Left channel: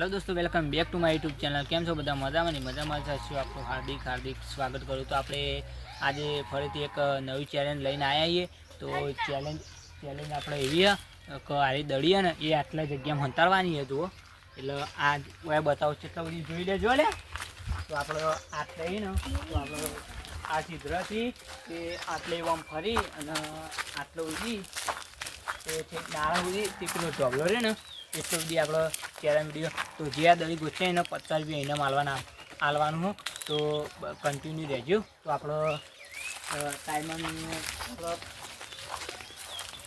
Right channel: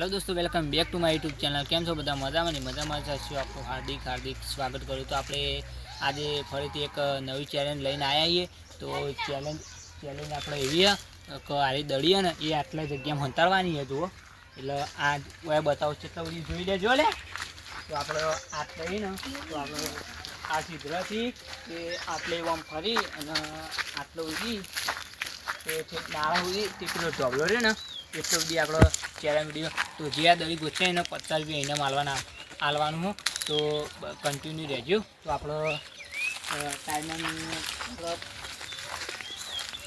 Hello દોસ્તો, welcome back to my YouTube channel. કેમ છો બધા? મજામાં ને મજામાં જશો. આપણું હાર્દિક સ્વાગત કરું. તો આપણે આજે ફરીથી એક નવી ચેલેન્જ લઈને આવ્યા છીએ. તો ચેલેન્જ આપણે એવી કે આરી દળીએ ને એ આટલા જગ્યામાં હંતાડવાની છે. જુઓ, એટલે આ બતાવો કેટલા બધી જોઈ લેજો લે. તો આપણે આટલે ને તો આપણે આ છિદ્રથી એ આટલે આમ ફરી અને આટલો ઉડી એ છે નાળા ઉડી તેટલો ઢોબળો રહે ને એટલો બધી આપણો ચેલેન્જ વિડીયો. તો જે આ દળી ગોચે એને 50 રૂપિયા એને આલવાનું હોય. તો કન્ટિન્યુ રહેજો. તો આપણો ટાઈમર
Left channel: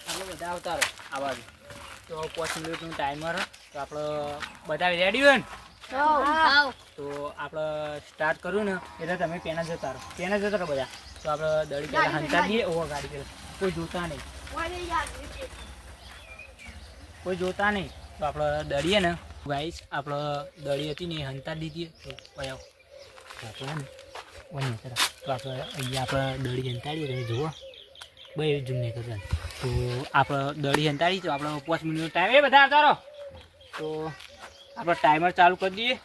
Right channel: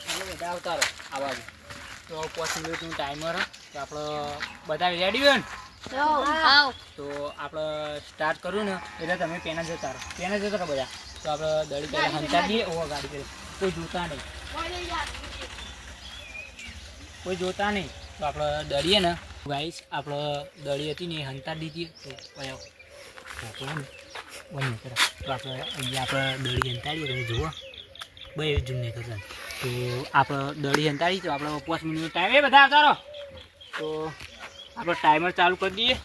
આપણે બધા આવતારો આવાજ તો 5 મિનિટનું ટાઈમર. તો આપણે બધા રેડી હોય ને તો આપણે સ્ટાર્ટ કર્યું ને એટલે તમે પેના જતા રહો બધા. તો આપણે દળી પહેલાં હંતા દઈએ. ઓહો, ગાડી કરે કોઈ જોતા નહીં તો આપણે દળીએ ને ગાઈસ, આપણે દળી હતી ને એ હંતા દીધી. તો તો આપણે અહીંયા આપણે દળી હંતાડીએ. તમે જુઓ ભાઈ, જૂમ નહીં કરતા. તો આપણે દળી હંતાડી તો આપણે 5 મિનિટનો ટાઈમ એ બધા આવતા રહો. તો આપણે ટાઈમર ચાલુ કરી દઈએ.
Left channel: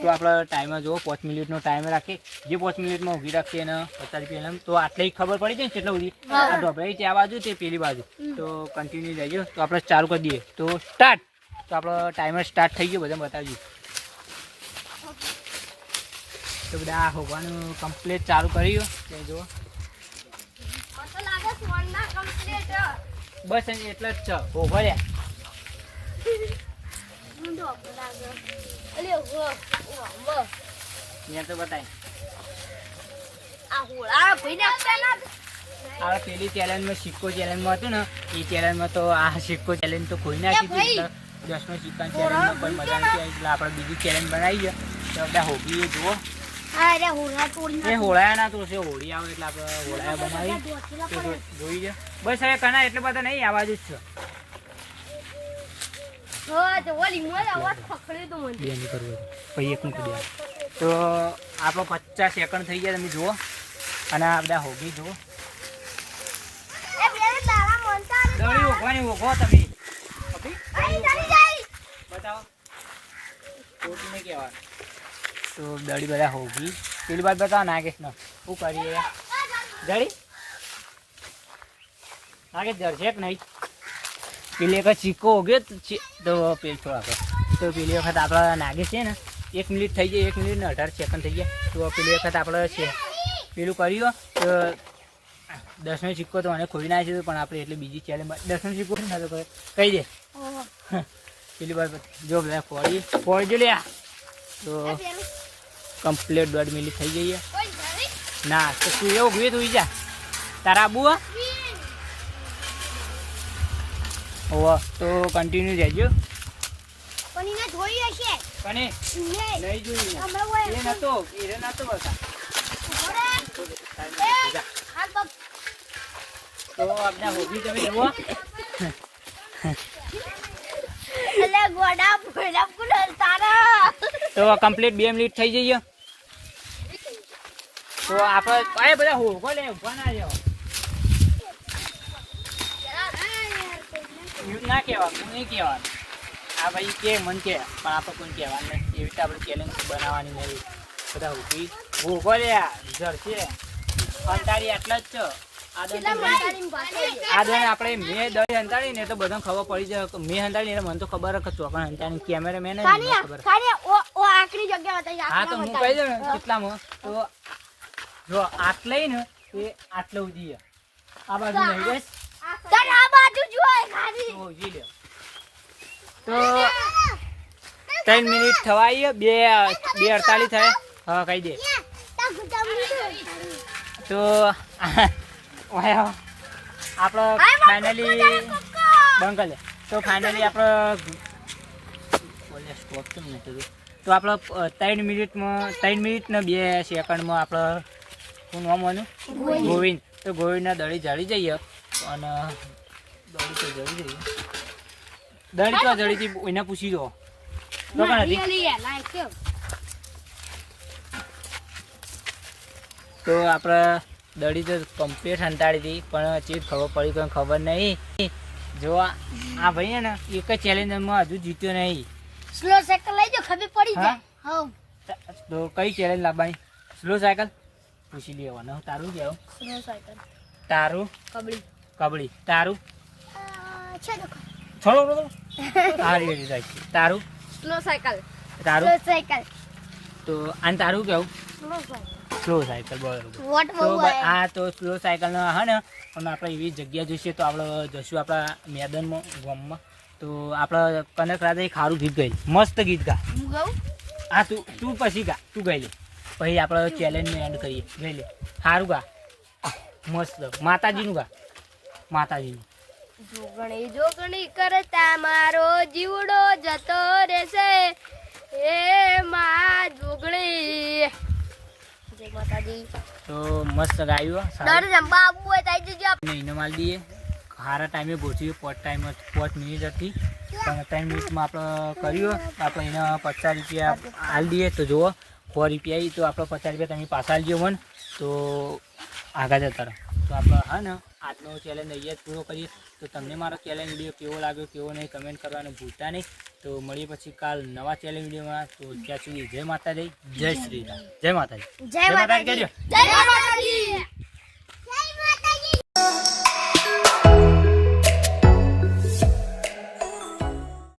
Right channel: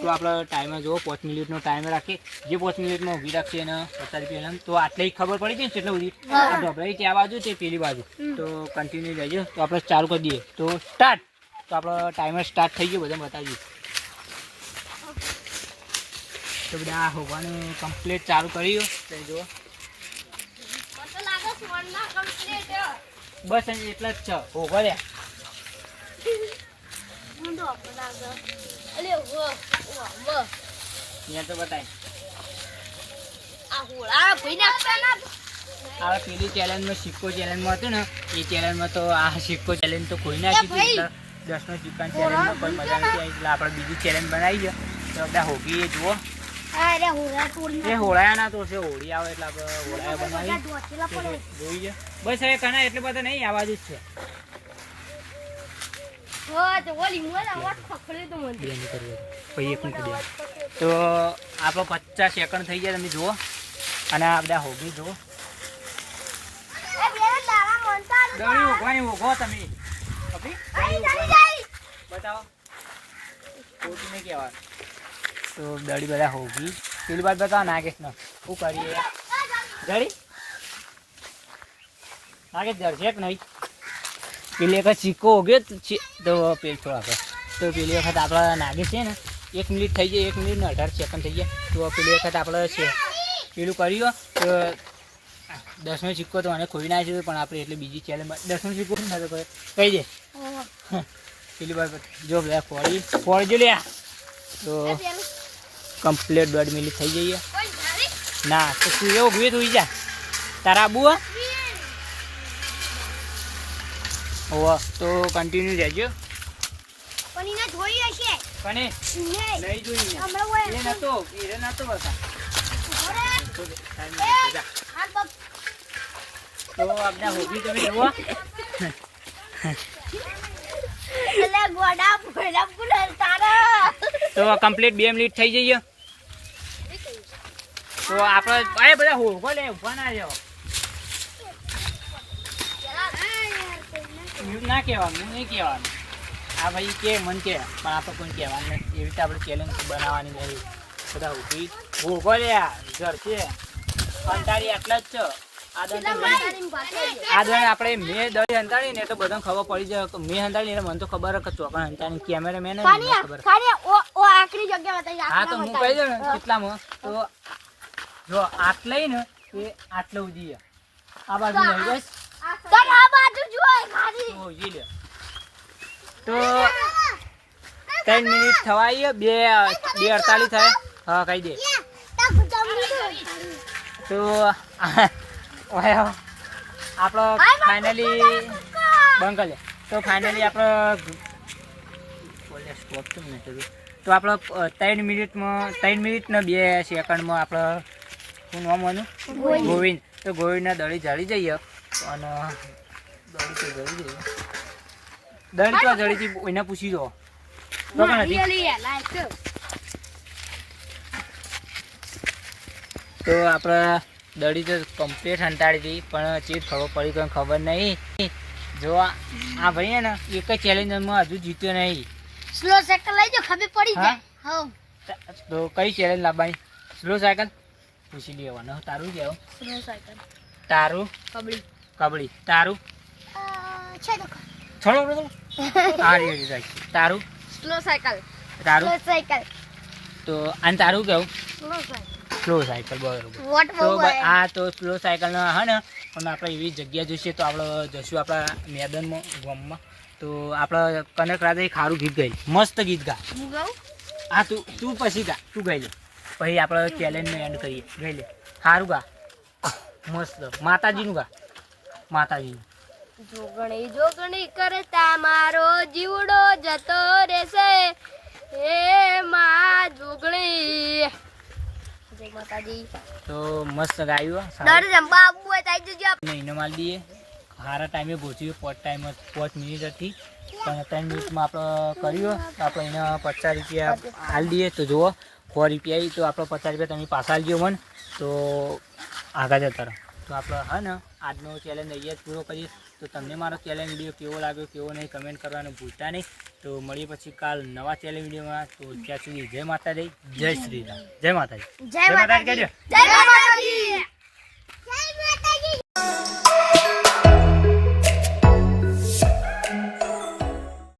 તો આપણે ટાઈમર જુઓ 5 મિનિટનો ટાઈમર રાખીએ. જે 5 મિનિટમાં ઊભી રાખીએ એને 50 રૂપિયા. તો આટલે ખબર પડી જાય ને કેટલી બધી આ ઢોબળી છે આ બાજુ તે પેલી બાજુ. તો કન્ટિન્યુ રહેજો. તો આપણે ચાલુ કરી દઈએ. તો સ્ટાર્ટ. તો આપણો ટાઈમર સ્ટાર્ટ થઈ ગયો. બધા બતાવીએ. તો બધા હોવાનું કમ્પ્લીટ ચાલુ કર્યું. જુઓ બસ એટલા જ છે. હો ભર્યા તો બતાય આ પેલી ચેલેન્જમાં સિક્કો ચેલેન્જમાં હતું ને એ ચેલેન્જમાં તો આ સિક્કો ચેલેન્જ તો ખોઈ નાખી હતી. એટલે 10નો સિક્કાની ચેલેન્જમાં કોઈ મજા નથી આવી. એટલે આપણે બીજી ચેલેન્જ બનાવી છે. તો બધા હોગી જુઓ એ હોળાયા ના તો છે. હોળી આવે એટલે આપણે હોળાયા બનાવી જોઈ છે. બસ હવે કના એટલે બધા નહીં આ બાજુ જ છે. તો આપણો 50 સેકન્ડ થઈ ગયા. તમે જુઓ અને આ બધા હોગી જુઓ. ઓગો તમે બતાવો ખોટું નહીં કહેવાનું. તો દડી બધા હોગી પેલી વાત બતાવો નાગેશ ને શું કરીએ દડી નાગેશ જરશે કે નહીં. પેલી વખત સિક્કો હોગ્યો તો પેલ થોડા તો પેલી વખત આપણે નાગેશ છે ને 1 મિનિટ થઈ જાય. 1 મિનિટ ને 18 સેકન્ડ થઈ ગયા. તો પેલી વખત આપણે છે પેલું કર્યું તો 10નો સિક્કો તો મને ખોઈ નાખ્યો. પણ આપણે એટલે બીજી ચેલેન્જ 10નો સિક્કો ના તો કહી દે પેલી વાર જો બધા ફોડજો લે. તો કમ્પ્લીટ 1.5 મિનિટ થઈ જઈએ. ના તો તું એવું ગયું તું જા તારા આબુ હોવા. તો કન્ટિન્યુ રહેજો. લઈ જોઈ એ નતો બતા. તો આપણે હોગી તમે જુઓ. તો કમ્પ્લીટ 2 મિનિટ થઈ જઈએ. તો આપણે બધા હોગો લે ઉભા ના જાઓ. ના કહેવાનું નહીં કહેવાનું. આ ભાઈ કે મન કે પણ આપણે કોઈ કહેવાનું નહીં. એવી રીતે આપણે ચેલેન્જ બનાવવાની નહીં. બધા ઊભી હોગો લે જરશે અંતારી આટલા જ છે. આ દળ આપણે મેં દળી હંતાડી ને તો બધાને ખબર પડી જાય. મેં હંતાડી એટલે મને તો ખબર જ ચોકણ હંતાડી. કેમેરામેન જ ખબર. હા તો હું કહી દઉં ને કેટલામાં. તો જો આટલે ને એ આટલે ઉધી આ બાજુ નહીં બસ તો 3 મિનિટ થવાય. 2:48 થાય. હા કહી દે. તો આપણે ફાઇનલી બંગલે તો ફાઇનલી આપણે સ્કોપ તો નહીં થતું. તો આપણે 3 મિનિટમાં 3 મિનિટ ને 2 સેકન્ડમાં આપણે શું નામ આનું ગોવિંદ. તો ગોવિંદના દળી જળી જઈએ. અને દળી તો જળી જઈએ. દળી તો જળીથી એને પૂછી દો તો કણ હતી. તો આપણે દડી તો કમ્પ્લીટ હંતાડી હતી પણ ચીજ ખબર પડી કોઈ ખબર નહીં. જો આ ભાઈ હે ને એક જ ચેલેન્જમાં હજુ જીત્યો નહીં. સ્લો સાયકલ લઈ જો ખબર પડી જાય. હા તો કઈ ચેલેન્જ લાવવાની? સ્લો સાયકલ પૂછી લેવાનો. તારું કેવું? Slow cycle. તારું? કબડ્ડી. કબડ્ડી. તારું? છે તો છોડો આ રેડી સાયકલ. તારું? Slow cycle. તારું? Slow cycle. તો આને તારું કેવું? Slow cycle. Slow cycle. બરોબર. વોટ તો બહુ આ તો સ્લો સાયકલ ના હે ને પણ આપણે એવી જગ્યા જોઈશે તો આપણે જશું આપણા મેદાનમાં ગામમાં. તો આપણે કનક રાતે ખારું ગીત ગાઈ, મસ્ત ગીત ગા. હું ગાઉં? હા તું પછી ગા, તું ગાઈ લે પછી આપણે ચેલેન્જને એન્ડ કરીએ. ગાઈ લે સારું ગા, મસ્ત માતાજીનું ગા, માતાજીનું. જોગણી જોગણી કરતા મારો જીવડો જતો રહેશે, હે માં જોગણી. જય માતાજી. તો મસ્ત ગાયું. ડર જંબા આબુ હોય તો આવી જજો. એને માલ દઈએ સારા ટાઈમે પહોંચ્યું. 5 મિનિટ હતી પણ 3 મિનિટમાં આપણે કર્યું. તો આપણે એને 50 રૂપિયા હાલ દઈએ. તો જુઓ 100 રૂપિયા આવી તો આપણે 50 રૂપિયા તમે પાછા હાલજો મને. તો આગળ જતા રહો. તો આપણે હા ને આજનો ચેલેન્જ અહીંયા જ પૂરો કરીએ. તો તમને મારો ચેલેન્જ વિડીયો કેવો લાગ્યો કેવો નહીં કમેન્ટ કરવાનું ભૂલતા નહીં. તો મળીએ પછી કાલ નવા ચેલેન્જ વિડીયોમાં. તો ત્યાં સુધી જય માતાજી, જય શ્રી રામ. જય માતાજી. જય માતાજી. જય માતાજી.